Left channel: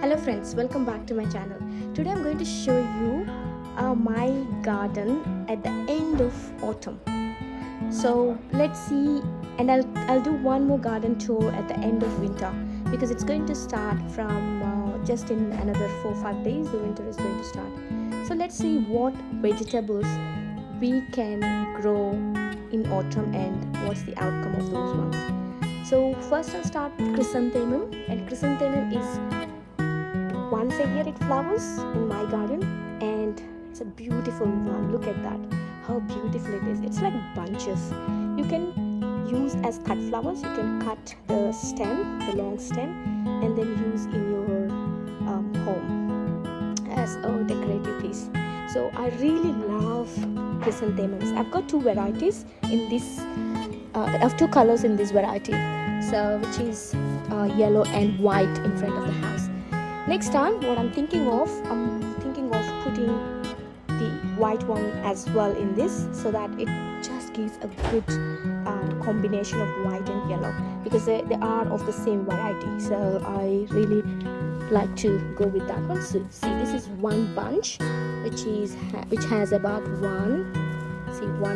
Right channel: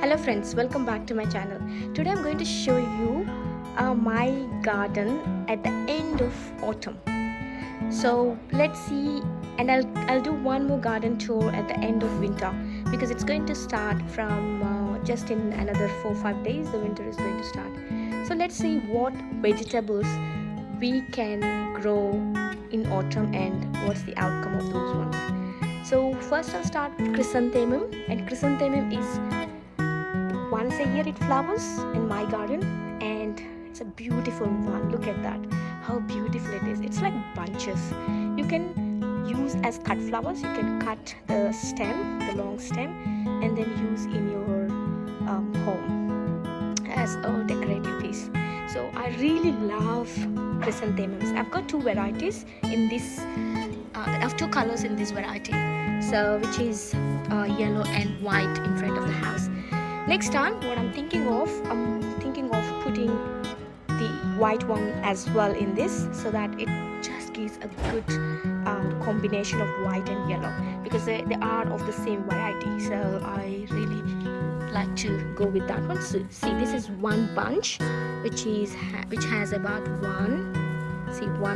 Hello friends, welcome back to my channel. Today I'm going to show you my garden at the end of autumn. So let's see, and I'll do one more garden tour at the end of winter because it's going to start from just in another 4-5 days. The winter is going to start. So let's see what vegetables we can grow in autumn and what's the outcome of those ones. So first I'll start with chrysanthemum, and chrysanthemum is once a year it flowers in my garden, and it's a beautiful one. Look at that, how beautiful it is. It's like bunches. You can use as cut flowers. You can cut the stem, the long stem, and then use in your home as a decorative piece. So I really love chrysanthemums. I've got two varieties in this I have two colors in this variety, so which is yellow and white in front of the house. Next time what I'm thinking of putting the white one as well in this, so that it just gives a good combination of white and yellow, because they are of the same variety. So I really like to go with that one. So see, this is one bunch which has about one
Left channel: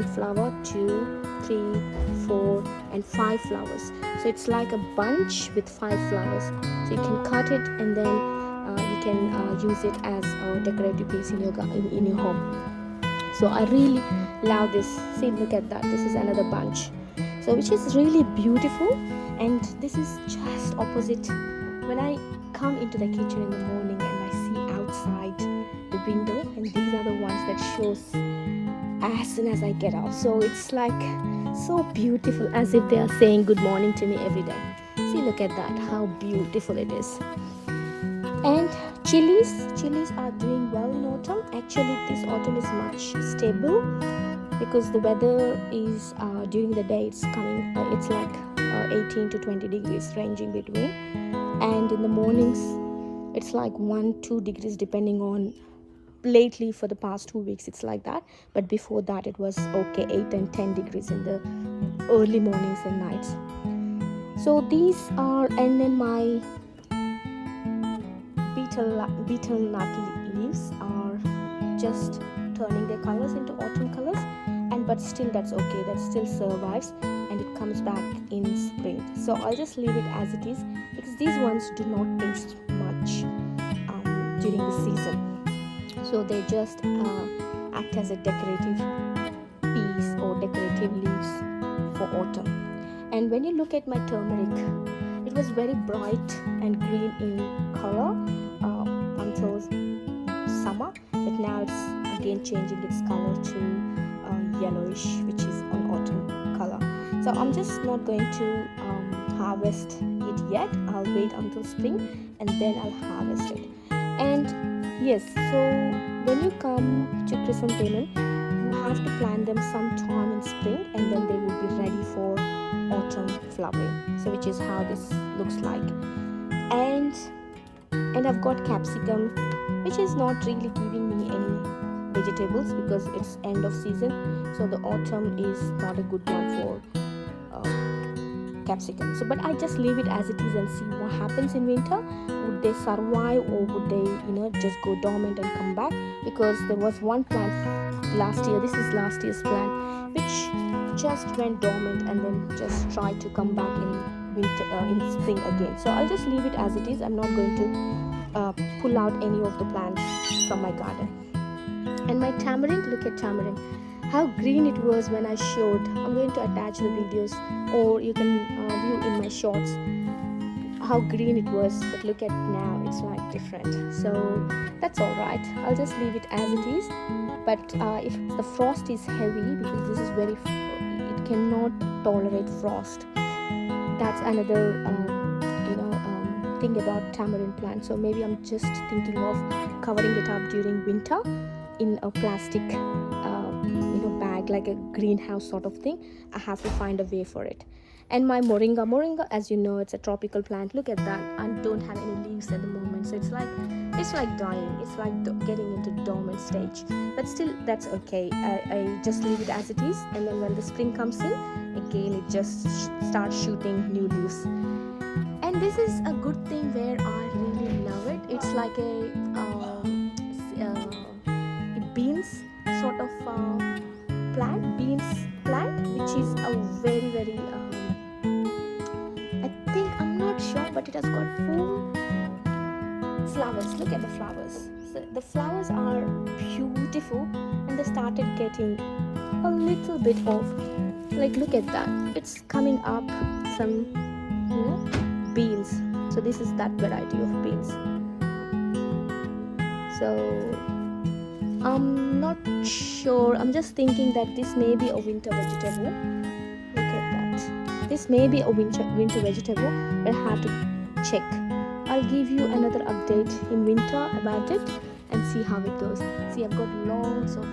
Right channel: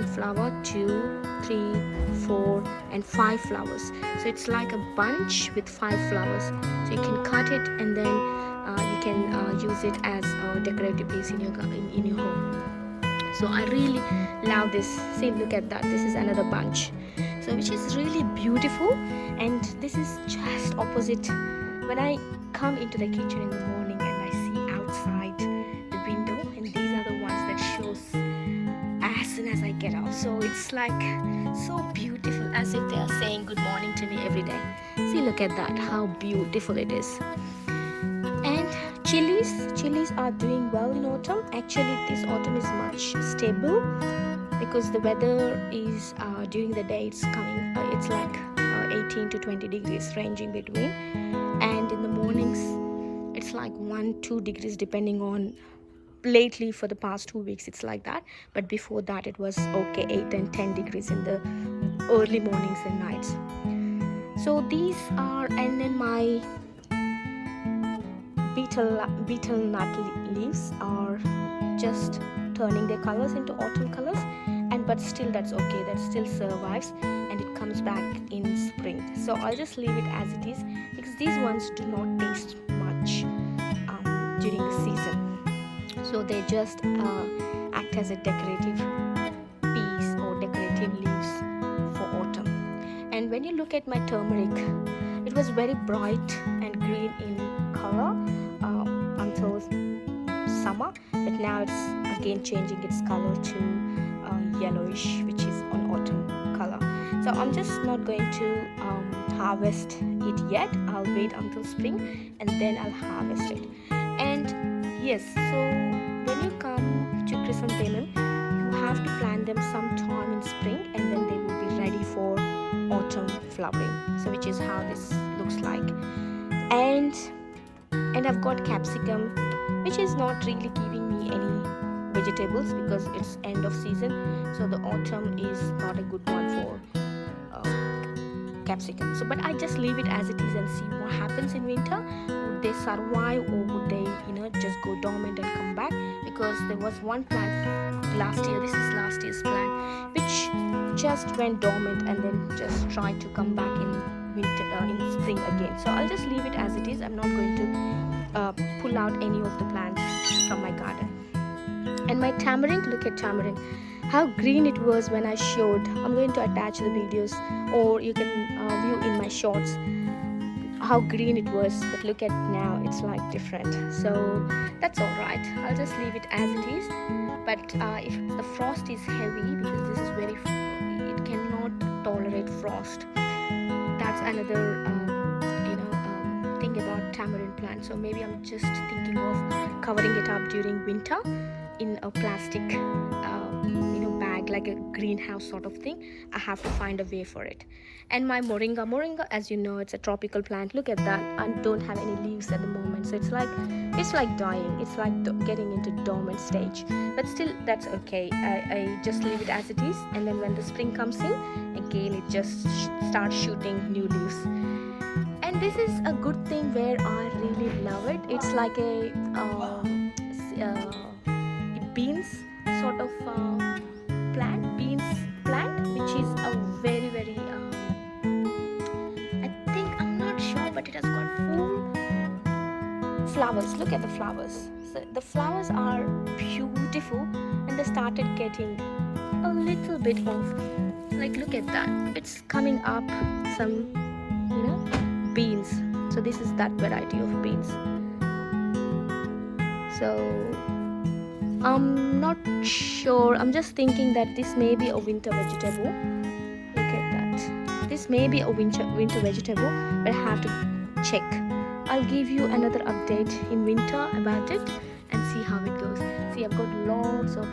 flower, 2, 3, 4 and 5 flowers. So it's like a bunch with 5 flowers. So you can cut it, and then you can use it as a decorative piece in your home. So I really love this. See, look at that, this is another bunch, so which is really beautiful. And this is just opposite when I come into the kitchen in the morning and I see outside the window, and these are the ones that shows as soon as I get up. So it's like so beautiful, as if they are saying good morning to me every day. See, look at that, how beautiful it is. And chilies are doing well in autumn. Actually, this autumn is much stable because the weather is during the day it's like 18 to 20 degrees ranging between, and in the mornings it's like 1-2 degrees depending on. Lately for the past 2 weeks it's like that, but before that it was okay, 8 and 10 degrees in the early mornings and nights. So these are, and then my beetle nut leaves are just turning their colors into autumn colors, and but still that's okay, that still survives, and it comes back in spring. So I'll just leave it as it is, because these ones do not taste much during the season. So they just act as a decorative piece or decorative leaves for autumn. And when you look at my turmeric, it was very bright and green in color until summer, but now it's again changing its color to yellowish, which is on autumn color. So I'm just not going to harvest it yet. I'll wait until spring and then I'll harvest it. And yes, so when you come to chrysanthemum, you have to plant them sometime in spring, and then they would be ready for autumn flowering. So which is how this looks like. And I've got capsicum, which is not really giving me any vegetables because it's end of season. So the autumn is not a good one for uh, capsicum. So but I just leave it as it is and see what happens in winter. Would they survive, or would they just go dormant and come back? Because there was one plant last year, this is last year's plant, which just went dormant and then just tried to come back in winter, in spring again. So I'll just leave it as it is. I'm not going to pull out any of the plants from my garden. And my tamarind, look at tamarind, how green it was when I showed. I'm going to attach the videos, or you can view in my shorts how green it was, but look at now, it's like different. So that's all right, I'll just leave it as it is. But if the frost is heavy, because this is very it cannot tolerate frost. That's another thing about tamarind plant. So maybe I'm just thinking of covering it up during winter in a plastic bag, like a greenhouse sort of thing. I have to find a way for it. And my moringa, as you know, it's a tropical plant. Look at that, and don't have any leaves at the moment. So it's like dying, it's like getting into dormant stage. But still, that's okay. I just leave it as it is, and then when the spring comes in again, it just starts shooting new leaves. And this is a good thing where I really love it. It's like beans sort of beans plant, which is a very I think, I'm not sure, but it has got full flowers. Look at the flowers. So the flowers are beautiful, and they started getting a little bit of, like, look at that, it's coming up some, you know, beans. So this is that variety of beans. So I'm not sure, I'm just thinking that this may be a winter vegetable. Look at that, this may be a winter vegetable, but I have to check. I'll give you another update in winter about it and see how it goes. See, I've got lots of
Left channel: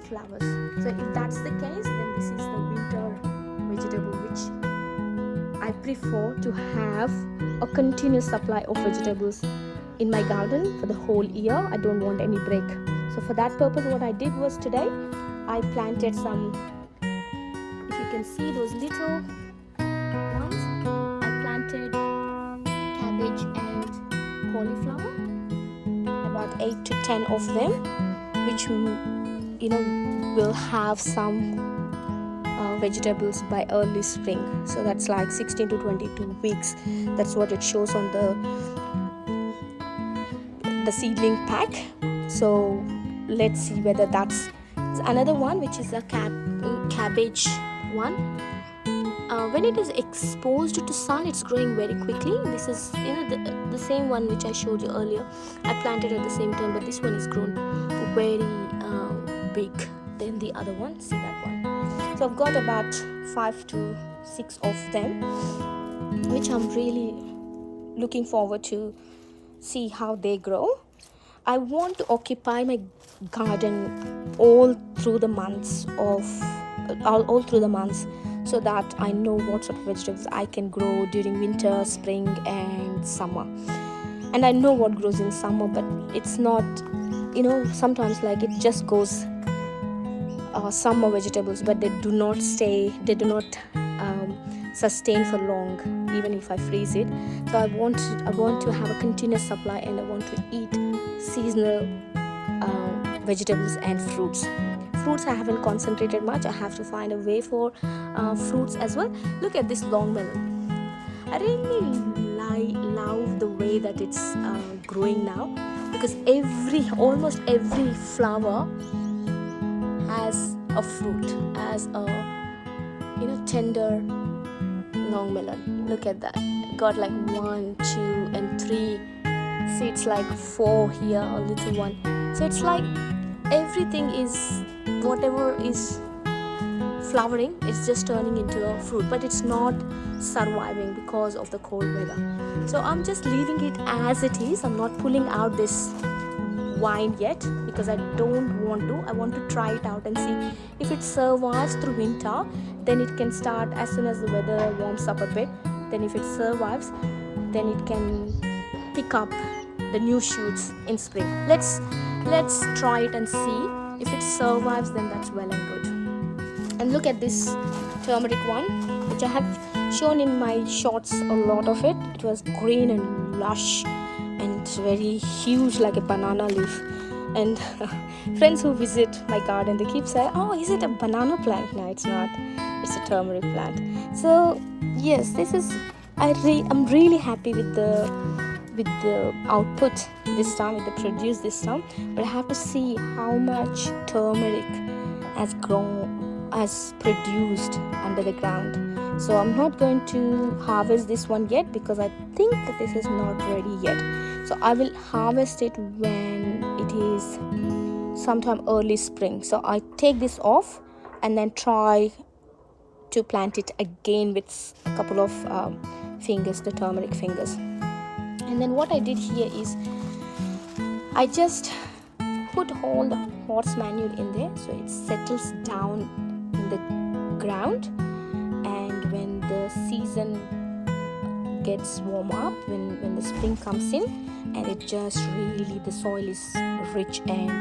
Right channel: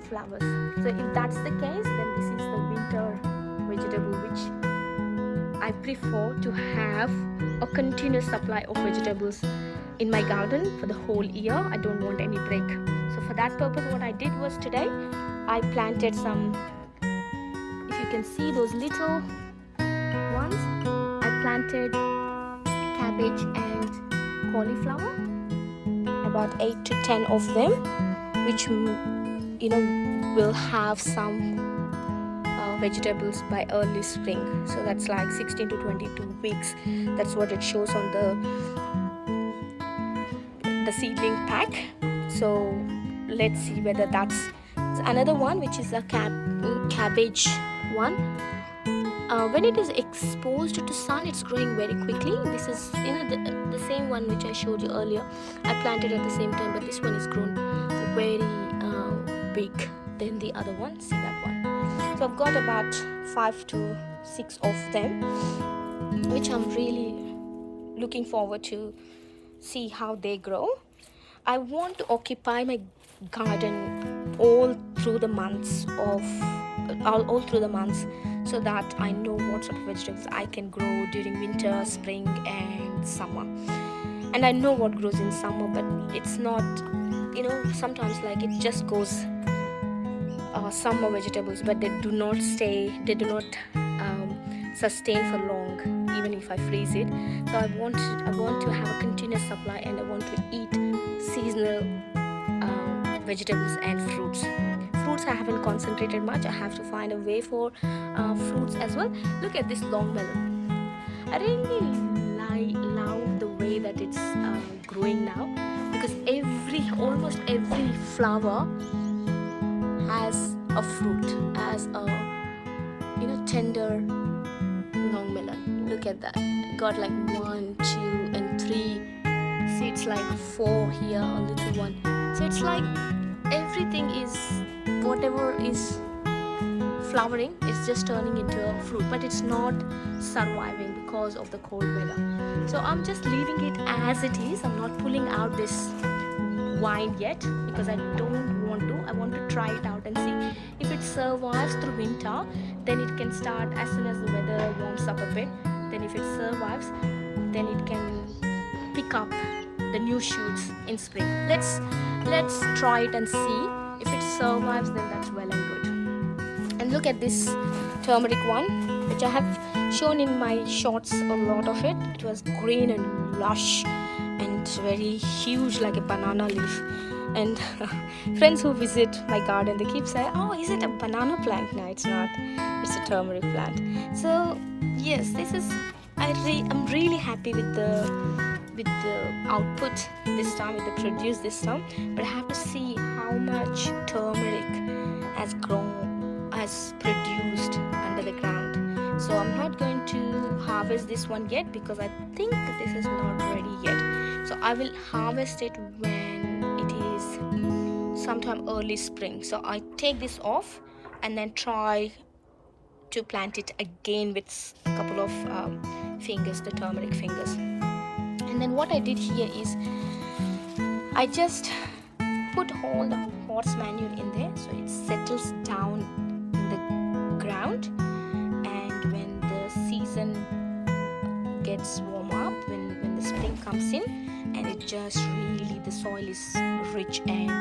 flowers. So if that's the case, then this is the winter vegetable, which I prefer to have a continuous supply of vegetables in my garden for the whole year. I don't want any break. So for that purpose, what I did was today I planted some, if you can see those little ones, I planted cabbage and cauliflower, about 8 to 10 of them, which will have some vegetables by early spring. So that's like 16 to 22 weeks. That's what it shows on the seedling pack. So let's see whether that's another one, which is a cabbage one. When it is exposed to sun, it's growing very quickly. This is the same one which I showed you earlier. I planted at the same time, but this one is grown very big than the other one. See that one? So I've got about 5 to 6 of them, which I'm really looking forward to see how they grow. I want to occupy my garden all through the months, so that I know what sort of vegetables I can grow during winter, spring and summer. And I know what grows in summer, but it's not, sometimes like it just goes summer vegetables, but they do not sustain for long, even if I freeze it. So I want to have a continuous supply, and I want to eat seasonal vegetables and fruits. I haven't concentrated much. I have to find a way for fruits as well. Look at this long melon. I really love the way that it's growing now, because almost every flower has a fruit, as a tender long melon. Look at that. Got like 1, 2 and 3 seeds, like 4 here, a little one. So it's like everything is, whatever is flowering, it's just turning into a fruit, but it's not surviving because of the cold weather. So I'm just leaving it as it is. I'm not pulling out this vine yet, because I don't want to. I want to try it out and see if it survives through winter. Then it can start as soon as the weather warms up a bit. Then if it survives, then it can pick up the new shoots in spring. Let's try it and see. If it survives, then that's well and good. And look at this turmeric one, which I have shown in my shorts, a lot of it. It was green and lush and very huge, like a banana leaf. And friends who visit my garden, they keep saying, oh, is it a banana plant? No, it's not. It's a turmeric plant. So yes, this is, I'm really happy with the output this time, with the produce this time. But I have to see how much turmeric has produced under the ground. So I'm not going to harvest this one yet, because I think this is not ready yet. So I will harvest it when it is sometime early spring. So I take this off and then try to plant it again with a couple of fingers, the turmeric fingers. And then what I did here is I just put all the horse manure in there, so it settles down in the ground. And when the season gets warm up, when the spring comes in, and it just really, the soil is rich and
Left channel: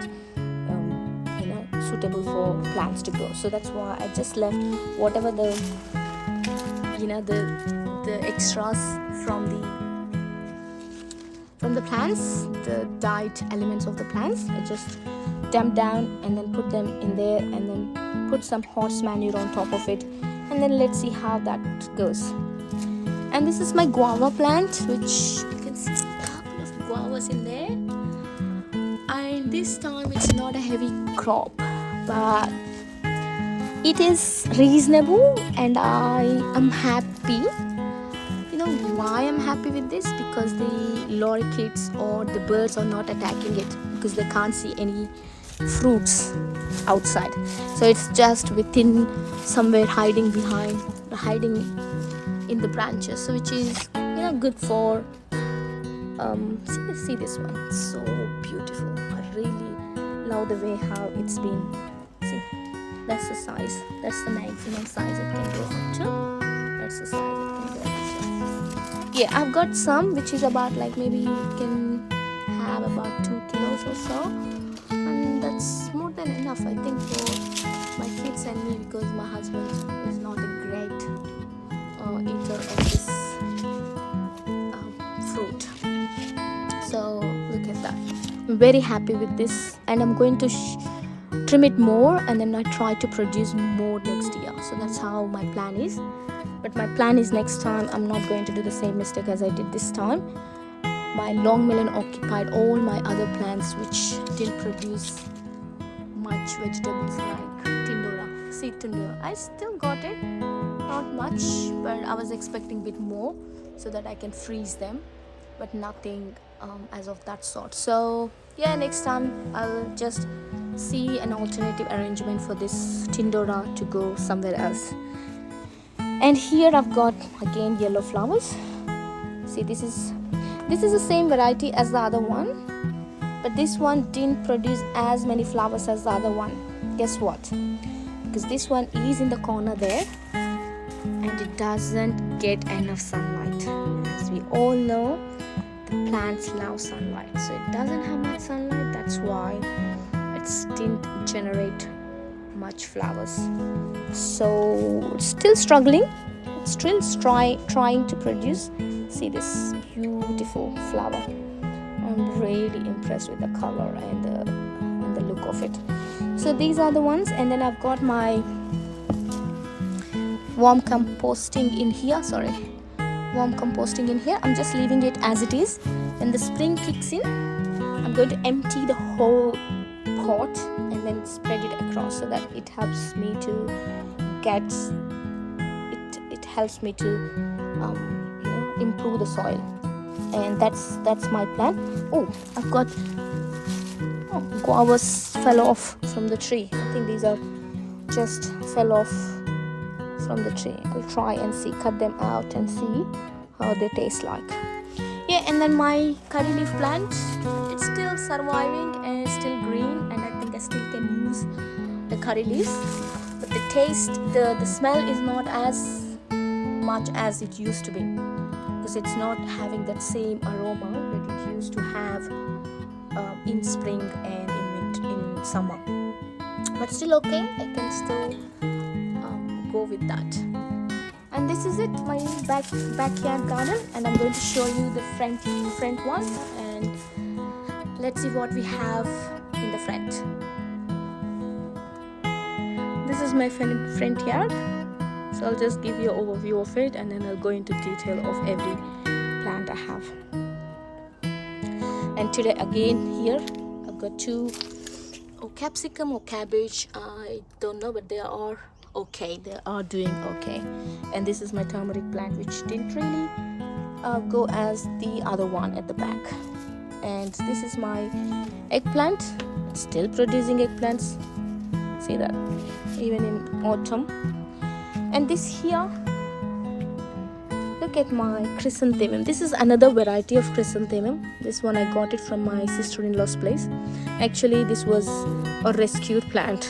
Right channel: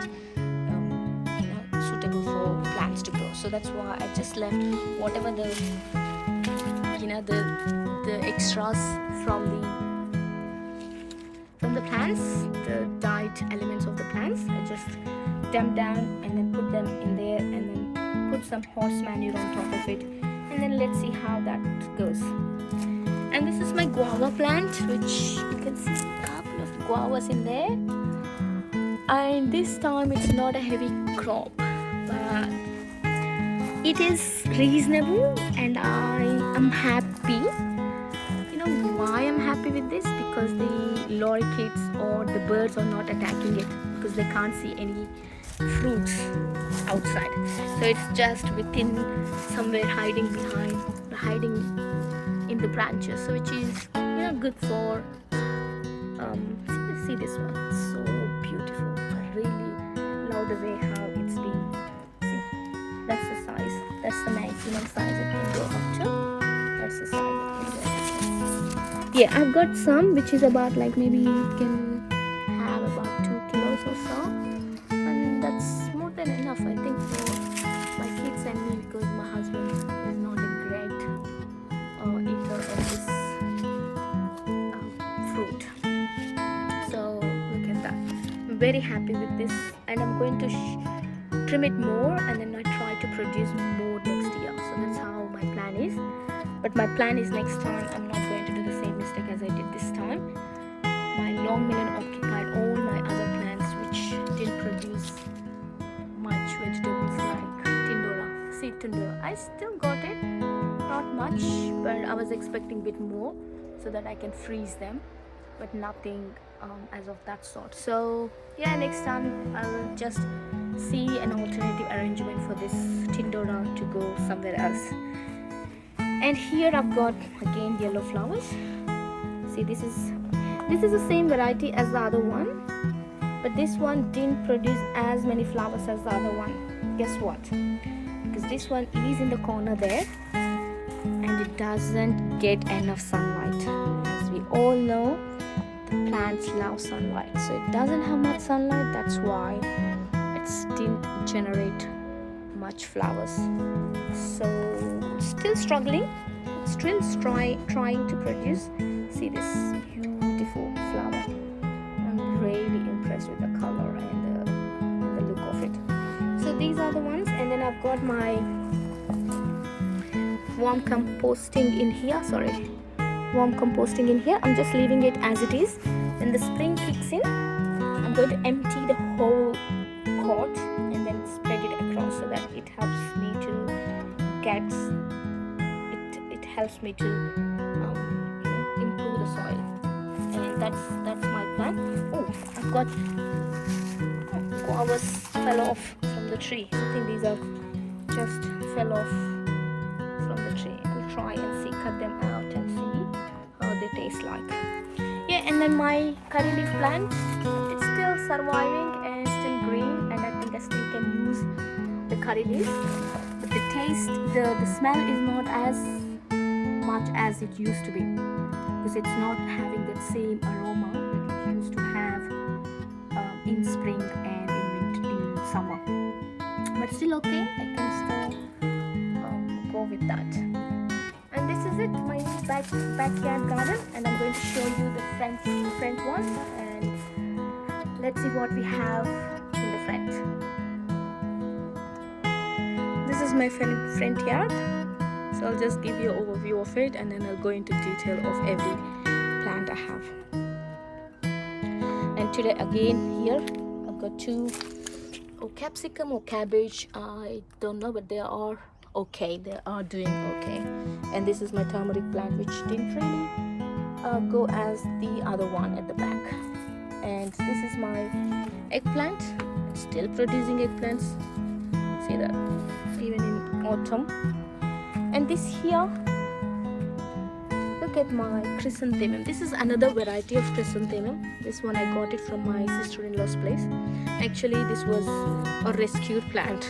suitable for plants to grow. So that's why I just left whatever the the extras from the plants, the dyed elements of the plants. I just dump down and then put them in there, and then put some horse manure on top of it, and then let's see how that goes. And this is my guava plant, which you can see a couple of guavas in there. And this time it's not a heavy crop, but it is reasonable, and I am happy. You know why I'm happy with this? Because the lorikeets or the birds are not attacking it, because they can't see any fruits outside. So it's just within, somewhere hiding in the branches. So which is, you know, good for see this one, so beautiful. I really love the way how it's been. See, that's the size, that's the maximum size it can go up to. That's the size it can go up to. Yeah, I've got some which is about, like, maybe can have about 2 kilos or so, and that's more than enough, I think, for my kids and me, because my husband is not a great eater of this fruit. So look at that. I'm very happy with this, and I'm going to trim it more, and then I try to produce more next year. So that's how my plan is. But my plan is, next time I'm not going to do the same mistake as I did this time. My long melon occupied all my other plants which didn't produce much vegetables, like tindora, seed tindora. I still got it, not much, but I was expecting a bit more so that I can freeze them, but nothing as of that sort. So yeah, next time I'll just see an alternative arrangement for this tindora to go somewhere else. And here I've got again yellow flowers. See, this is the same variety as the other one, but this one didn't produce as many flowers as the other one. Guess what? Because this one is in the corner there, and it doesn't get enough sunlight. As we all know, the plants love sunlight, so it doesn't have much sunlight. That's why it didn't generate much flowers. So it's still struggling, it's still trying to produce. See this beautiful flower. I'm really impressed with the color and the look of it. So these are the ones. And then I've got my warm composting in here. I'm just leaving it as it is. When the spring kicks in, I'm going to empty the whole pot and then spread it across, so that it helps me to get it helps me to improve the soil. And that's my plan. I've got guavas fell off from the tree. I think these are just fell off from the tree. I'll try and cut them out and see how they taste like. Yeah, and then my curry leaf plant, it's still surviving and it's still green, and I think I still can use the curry leaves, but the taste, the smell is not as much as it used to be, because it's not having that same aroma that it used to have in spring and in summer. But still okay, I can still go with that. And this is it, my backyard garden, and I'm going to show you the front one, and let's see what we have in the front. This is my front yard, so I'll just give you an overview of it, and then I'll go into detail of every plant I have. And today again, here I've got two capsicum or cabbage, I don't know, but they are okay, they are doing okay. And this is my turmeric plant, which didn't really go as the other one at the back. And this is my eggplant. It's still producing eggplants, see that, even in autumn. And this here, look at my chrysanthemum. This is another variety of chrysanthemum. This one I got it from my sister-in-law's place. Actually, this was a rescued plant,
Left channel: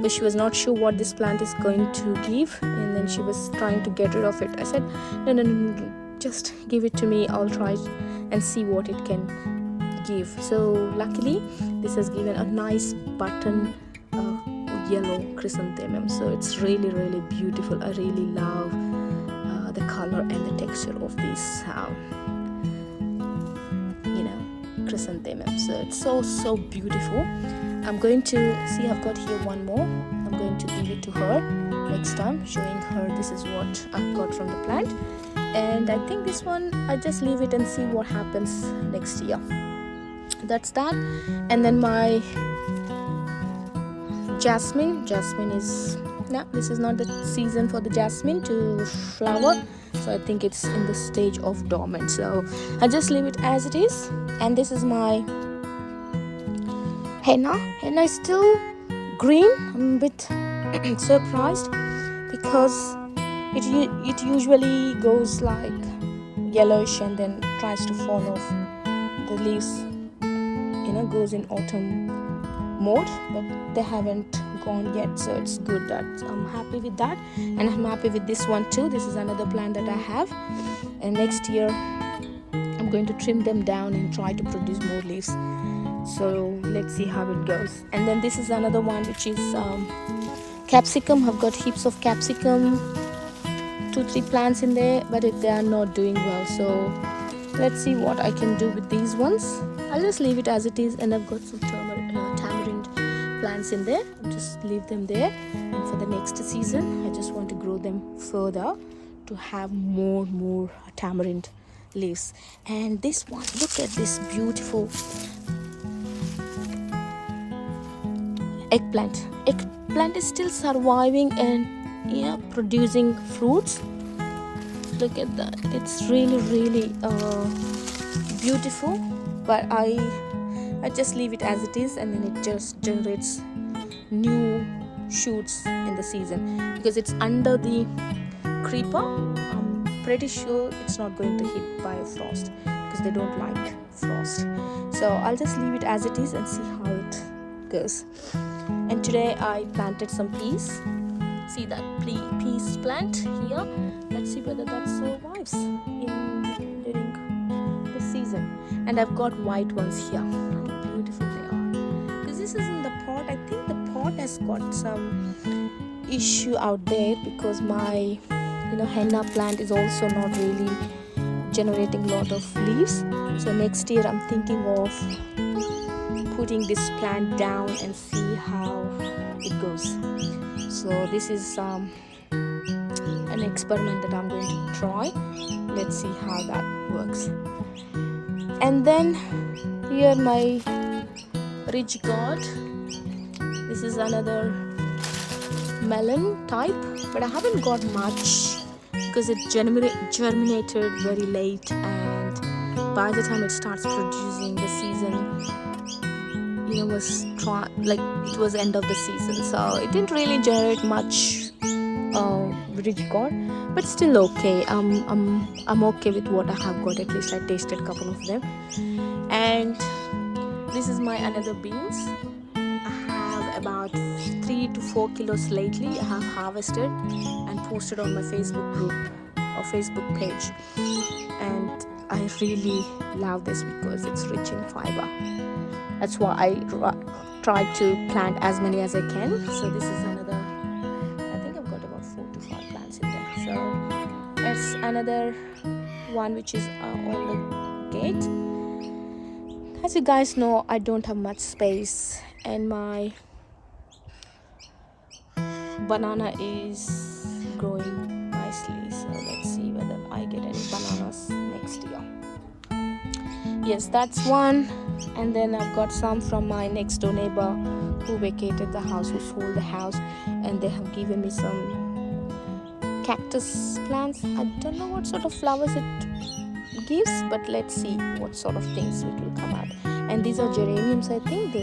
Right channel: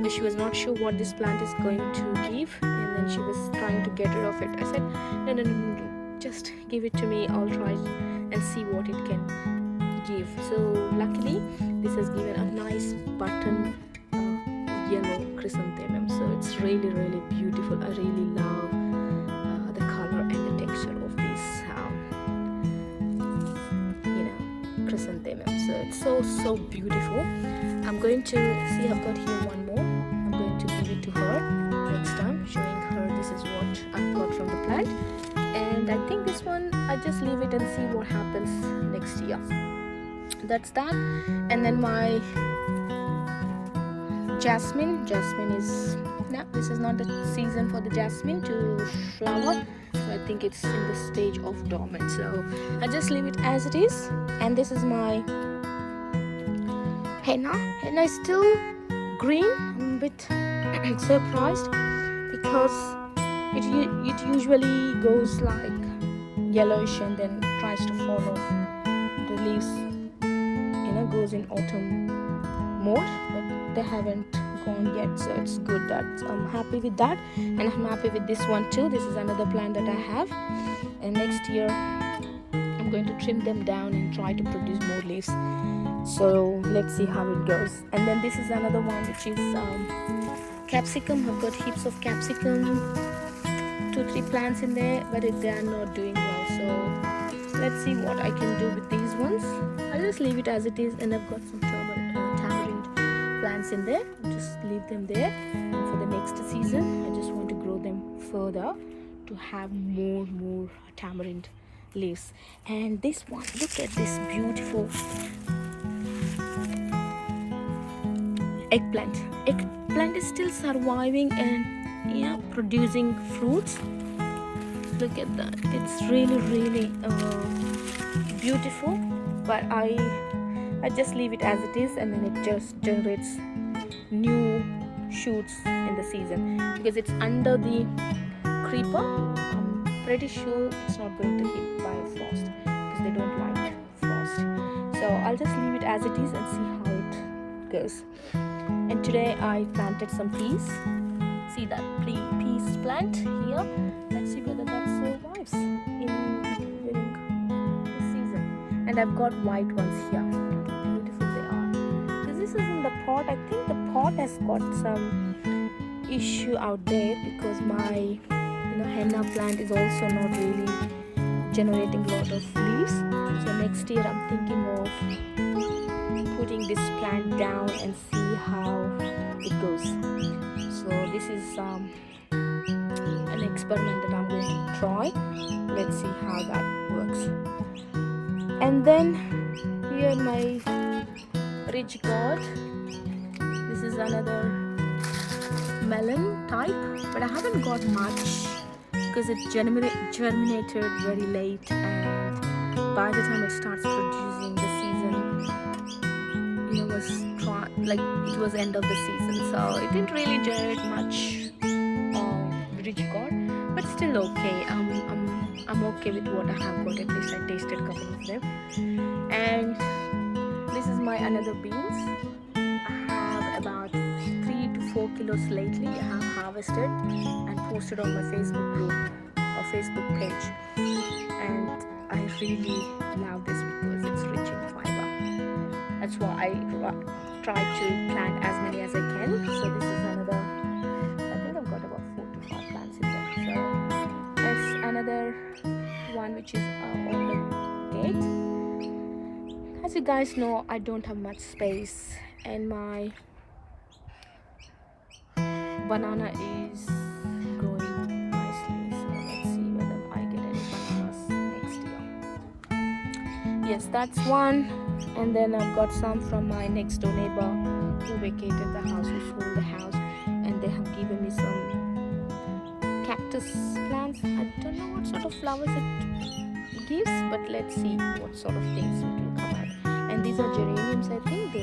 but she was not sure what this plant is going to give, and then she was trying to get rid of it. I said, no, just give it to me, I'll try and see what it can give. So luckily this has given a nice button yellow chrysanthemum, so it's really beautiful. I really love the color and the texture of these chrysanthemum. So it's so beautiful. I'm going to see, I've got here one more. I'm going to give it to her next time, showing her this is what I've got from the plant. And I think this one I just leave it and see what happens next year. That's that. And then my jasmine is, no, this is not the season for the jasmine to flower, so I think it's in the stage of dormant, so I just leave it as it is. And this is my henna is still green. I'm a bit surprised because it usually goes like yellowish and then tries to fall off. The leaves goes in autumn mode, but they haven't gone yet, so it's good. That I'm happy with that. And I'm happy with this one too. This is another plant that I have, and next year I'm going to trim them down and try to produce more leaves. So let's see how it goes. And then this is another one, which is capsicum. I've got heaps of capsicum, 2-3 plants in there, but they are not doing well, so let's see what I can do with these ones. I'll just leave it as it is. And I've got some tamarind plants in there. I'll just leave them there, and for the next season I just want to grow them further to have more tamarind leaves. And this one, look at this beautiful eggplant is still surviving and producing fruits. Look at that. It's really beautiful, but I just leave it as it is, and then it just generates new shoots in the season because it's under the creeper. I'm pretty sure it's not going to hit by frost because they don't like frost. So I'll just leave it as it is and see how it goes. And today I planted some peas. See that peas plant here? Let's see whether that survives during the season. And I've got white ones here. How beautiful they are. Because this is in the pot. I think the pot has got some issue out there because my henna plant is also not really generating a lot of leaves. So next year I'm thinking of putting this plant down and see how it goes. So this is an experiment that I'm going to try. Let's see how that works. And then here my ridge gourd. This is another melon type, but I haven't got much because it germinated very late, and by the time it starts producing, the season it was end of the season, so it didn't really generate much ridge gourd, but still okay. I'm okay with what I have got. At least I tasted a couple of them. And this is my another beans. I have about 3 to 4 kilos lately. I have harvested and posted on my Facebook group or Facebook page, and I really love this because it's rich in fiber. That's why I try to plant as many as I can. So this is another, I think I've got about 4 to 5 plants in there. So it's another one which is on the gate. As you guys know, I don't have much space, and my banana is growing nicely. So let's see whether I get any bananas next year. Yes, that's one. And then I've got some from my next door neighbor who vacated the house, who sold the house, and they have given me some cactus plants. I don't know what sort of flowers it gives, but let's see what sort of things it will come out. And these are geraniums, I think,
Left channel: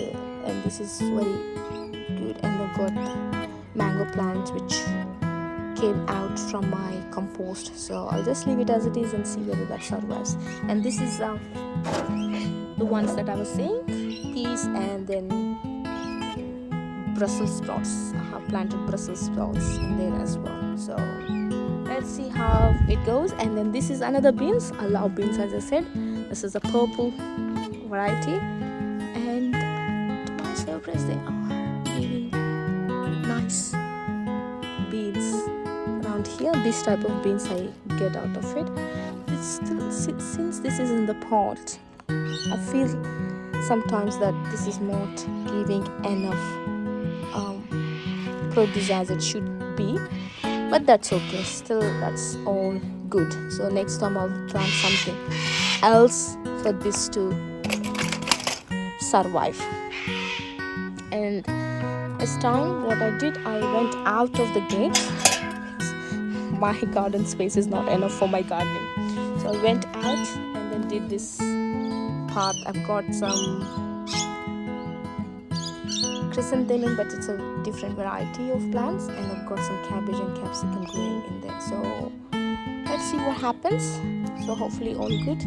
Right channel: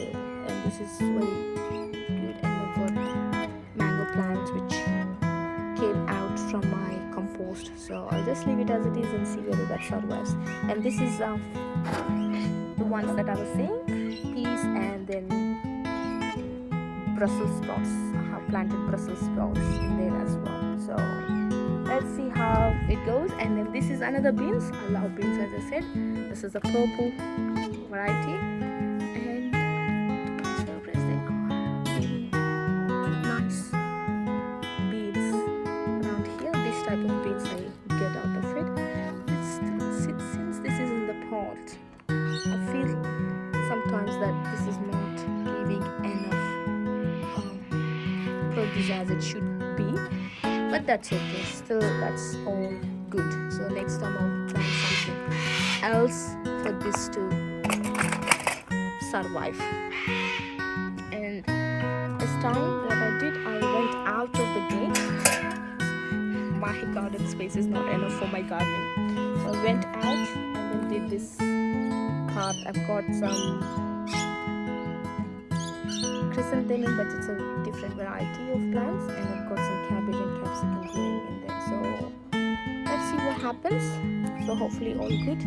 and this is very good. And I've got mango plants which came out from my compost, so I'll just leave it as it is and see whether that survives. And this is the ones that I was saying, peas, and then Brussels sprouts. I have planted Brussels sprouts in there as well. So let's see how it goes. And then this is another beans. I love beans, as I said. This is a purple variety, and to my surprise, they are giving nice beans. around here. This type of beans I get out of it. But it's still, since this is in the pot, I feel sometimes that this is not giving enough produce as it should be, but that's okay. Still, that's all good. So next time I'll plant something else for this to survive. And this time what I did, I went out of the gate. My garden space is not enough for my gardening, so I went out and then did this path. I've got some chrysanthemum, but it's a different variety of plants, and I've got some cabbage and capsicum growing in there. So let's see what happens. So hopefully all good,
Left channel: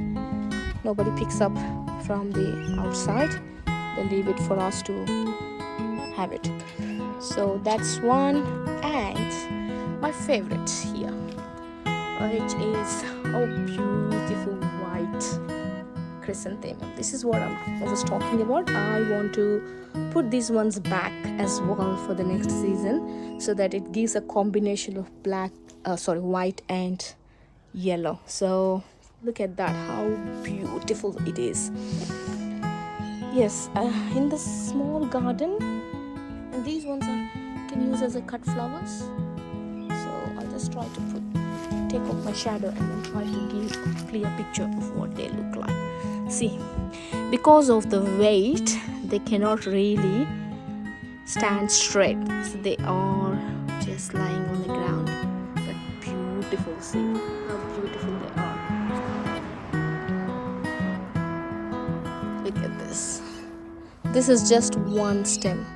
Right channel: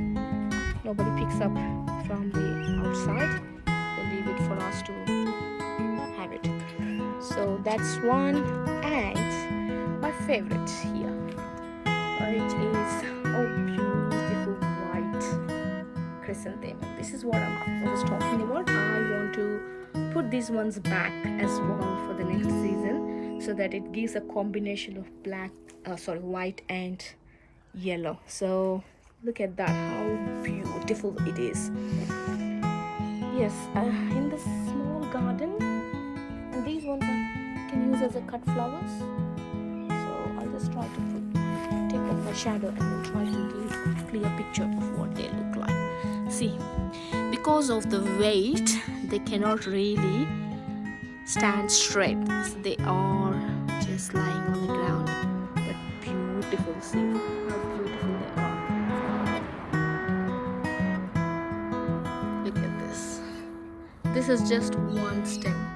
nobody picks up from the outside, they leave it for us to have it. So that's one. And my favorite here, which is a beautiful white chrysanthemum. This is what I was talking about. I want to put these ones back as well for the next season, so that it gives a combination of white and yellow. So look at that, how beautiful it is. Yes, in the small garden, and these ones can use as a cut flowers. So I'll just try to take off my shadow and then try to give a clear picture of what they look like. See, because of the weight, they cannot really stand straight, so they are just lying on the ground, but beautiful. See how beautiful they are. Look at this. This is just one stem.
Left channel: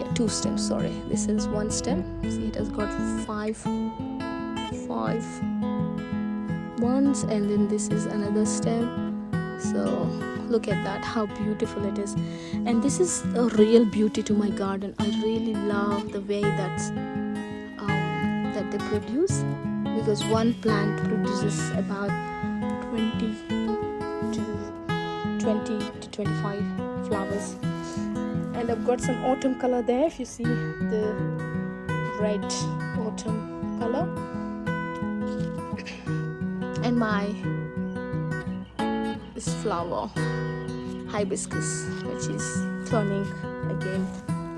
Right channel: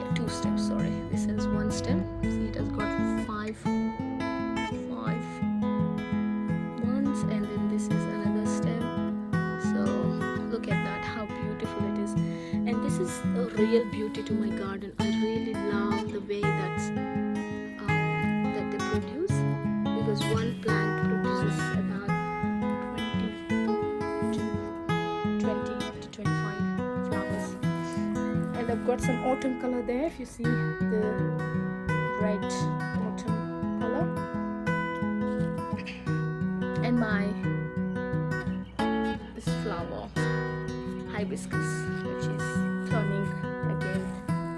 Yeah, two stems, sorry. This is one stem. See, it has got five ones, and then this is another stem. So look at that, how beautiful it is. And this is a real beauty to my garden. I really love the way that they produce, because one plant produces about 20 to 25 flowers. And I've got some autumn color there, if you see the red autumn color. And this flower, hibiscus, which is turning again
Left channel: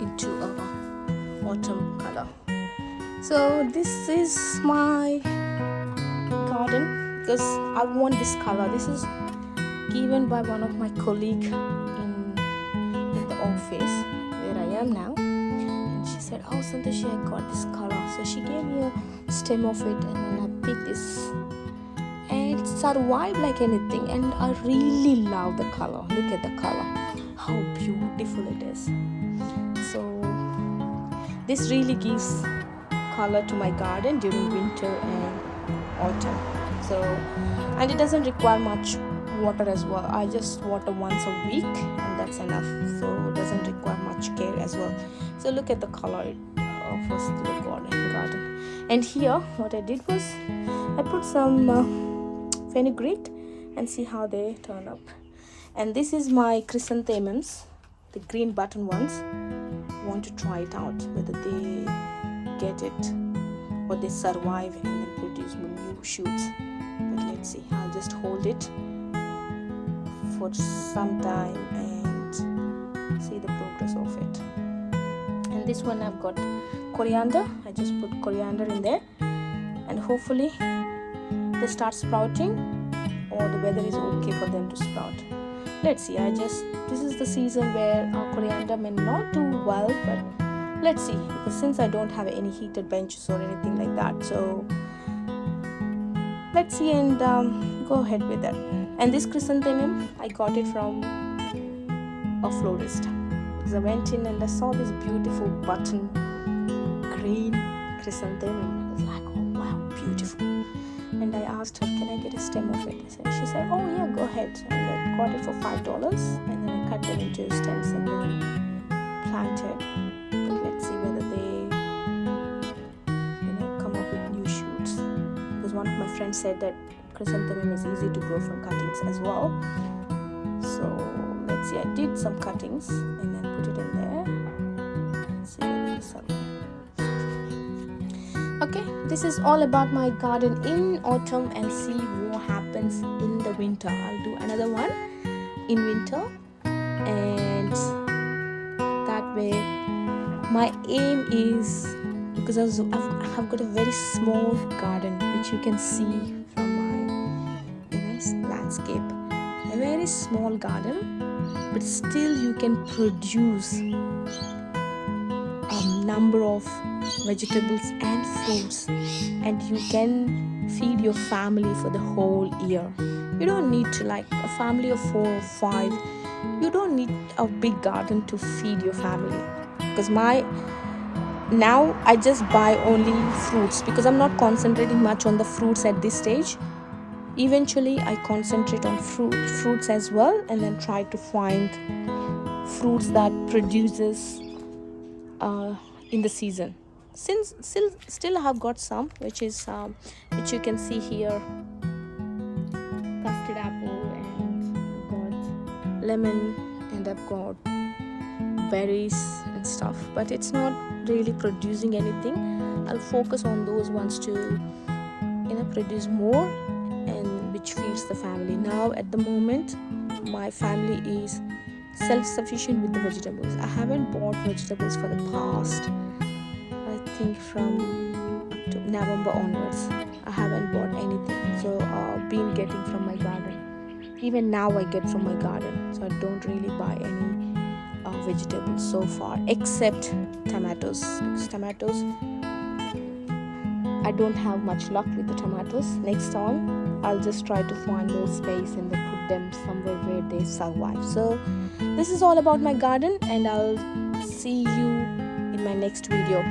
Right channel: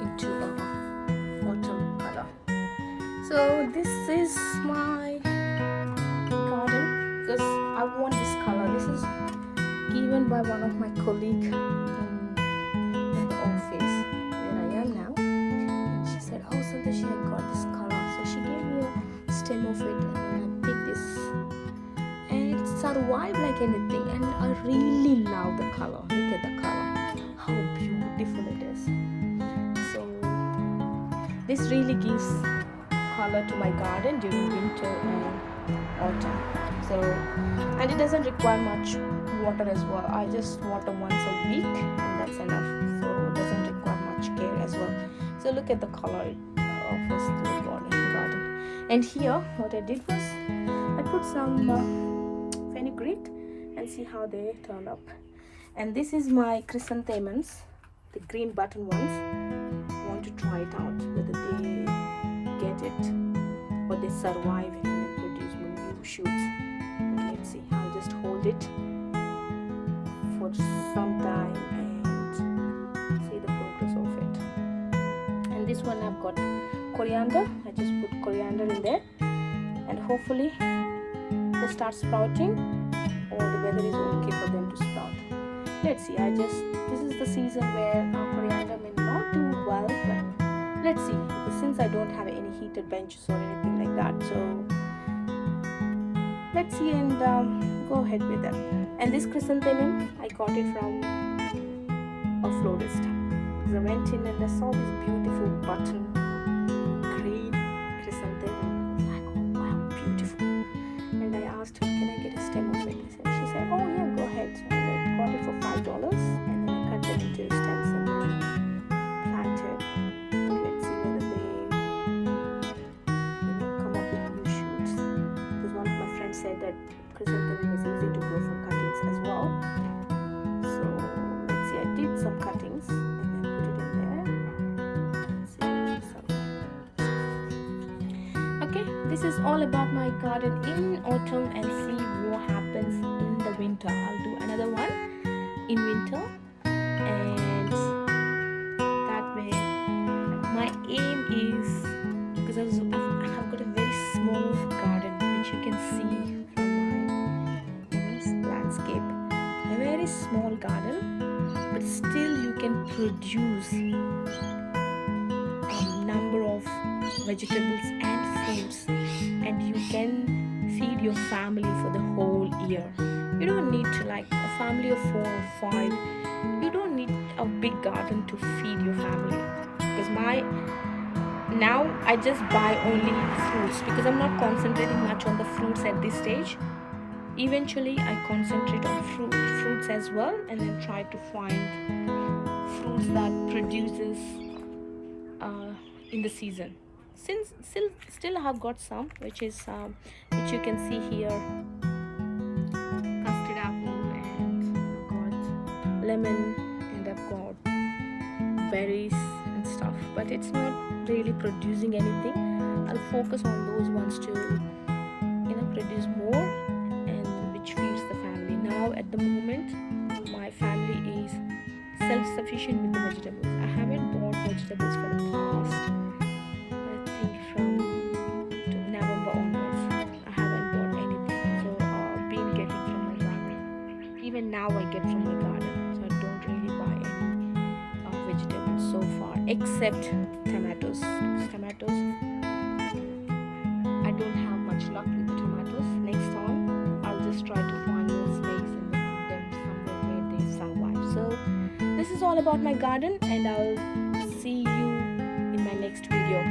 into a autumn color. So this is my garden, because I want this color. This is given by one of my colleague in the office where I am now, and she said, "Oh, Santoshi, I got this color." So she gave me a stem of it, and then I picked this, and it survived like anything. And I really love the color. Look at the color, how beautiful it is. So this really gives color to my garden during winter and autumn. So, and it doesn't require much water as well. I just water once a week, and that's enough. So it doesn't require much care as well. So look at the color it offers to the garden. And here what I did was I put some fenugreek, and see how they turn up. And this is my chrysanthemums, the green button ones. I want to try it out, whether they get it or they survive and then produce more new shoots. But let's see. I'll just hold it for some time and see the progress of it. And this one I've got coriander. I just put coriander in there, and hopefully they start sprouting, or the weather is okay for them to sprout. Let's see. This is the season where our coriander may not do well, but let's see, because since I don't have any heated benches or anything like that, so let's see and go ahead with that. And this chrysanthemum, I got it from a florist, because I went in and I saw this beautiful button green chrysanthemum. I was like, oh wow, beautiful. And I asked her, can I get a stem of it? She said, oh yeah, go ahead. And I got it for $5, and then I cut them into stems and then planted. But let's see whether they come up with new shoots, because one of my friends said that chrysanthemum is easy to grow from cuttings as well. So let's see. I did some cuttings and then put it in there. Let's see whether this survives. Okay, this is all about my garden in autumn, and see what happens in the winter. I'll do another one in winter, and that way my aim is, because I've got a very small garden which you can see from my landscape, a very small garden, but still you can produce a number of vegetables and fruits, and you can feed your family for the whole year. You don't need to, like a family of 4 or 5, you don't need a big garden to feed your family. Because now I just buy only fruits, because I'm not concentrating much on the fruits at this stage. Eventually I concentrate on fruits as well, and then try to find fruits that produces in the season. Since still I have got some, which you can see here, custard apple, and I've got lemon, and I've got berries and stuff, but it's not really producing anything. I'll focus on those ones to produce more, and which feeds the family. Now at the moment my family is self-sufficient with the vegetables. I haven't bought vegetables for the past, I think, from November onwards. I haven't bought anything, so been getting from my garden. Even now I get from my garden, so I don't really buy any vegetables so far, except tomatoes. Because tomatoes, I don't have much luck with the tomatoes. Next time I'll just try to find more space and then put them somewhere where they survive. So this is all about my garden, and I'll see you in my next video.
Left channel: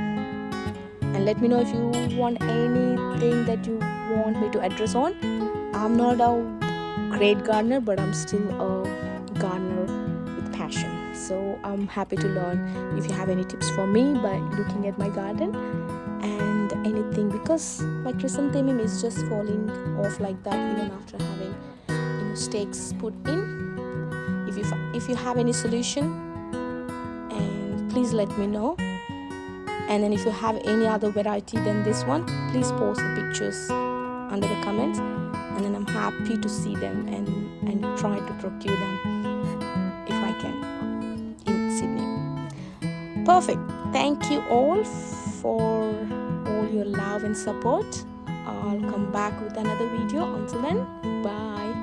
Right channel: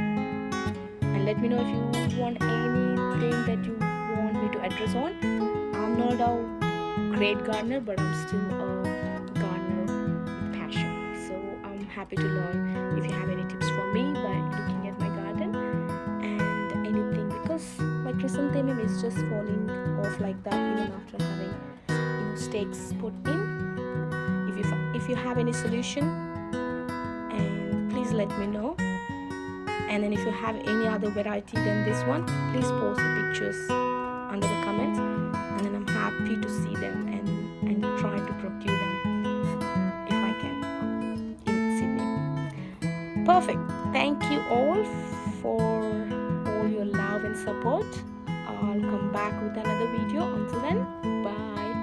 And let me know if you want anything that you want me to address on. I'm not a great gardener, but I'm still a gardener with passion, so I'm happy to learn if you have any tips for me by looking at my garden and anything, because my chrysanthemum is just falling off like that even after having stakes put in. If you have any solution, and please let me know. And then if you have any other variety than this one, please post the pictures under the comments, and then I'm happy to see them and try to procure them if I can in Sydney. Perfect. Thank you all for all your love and support. I'll come back with another video. Until then, bye.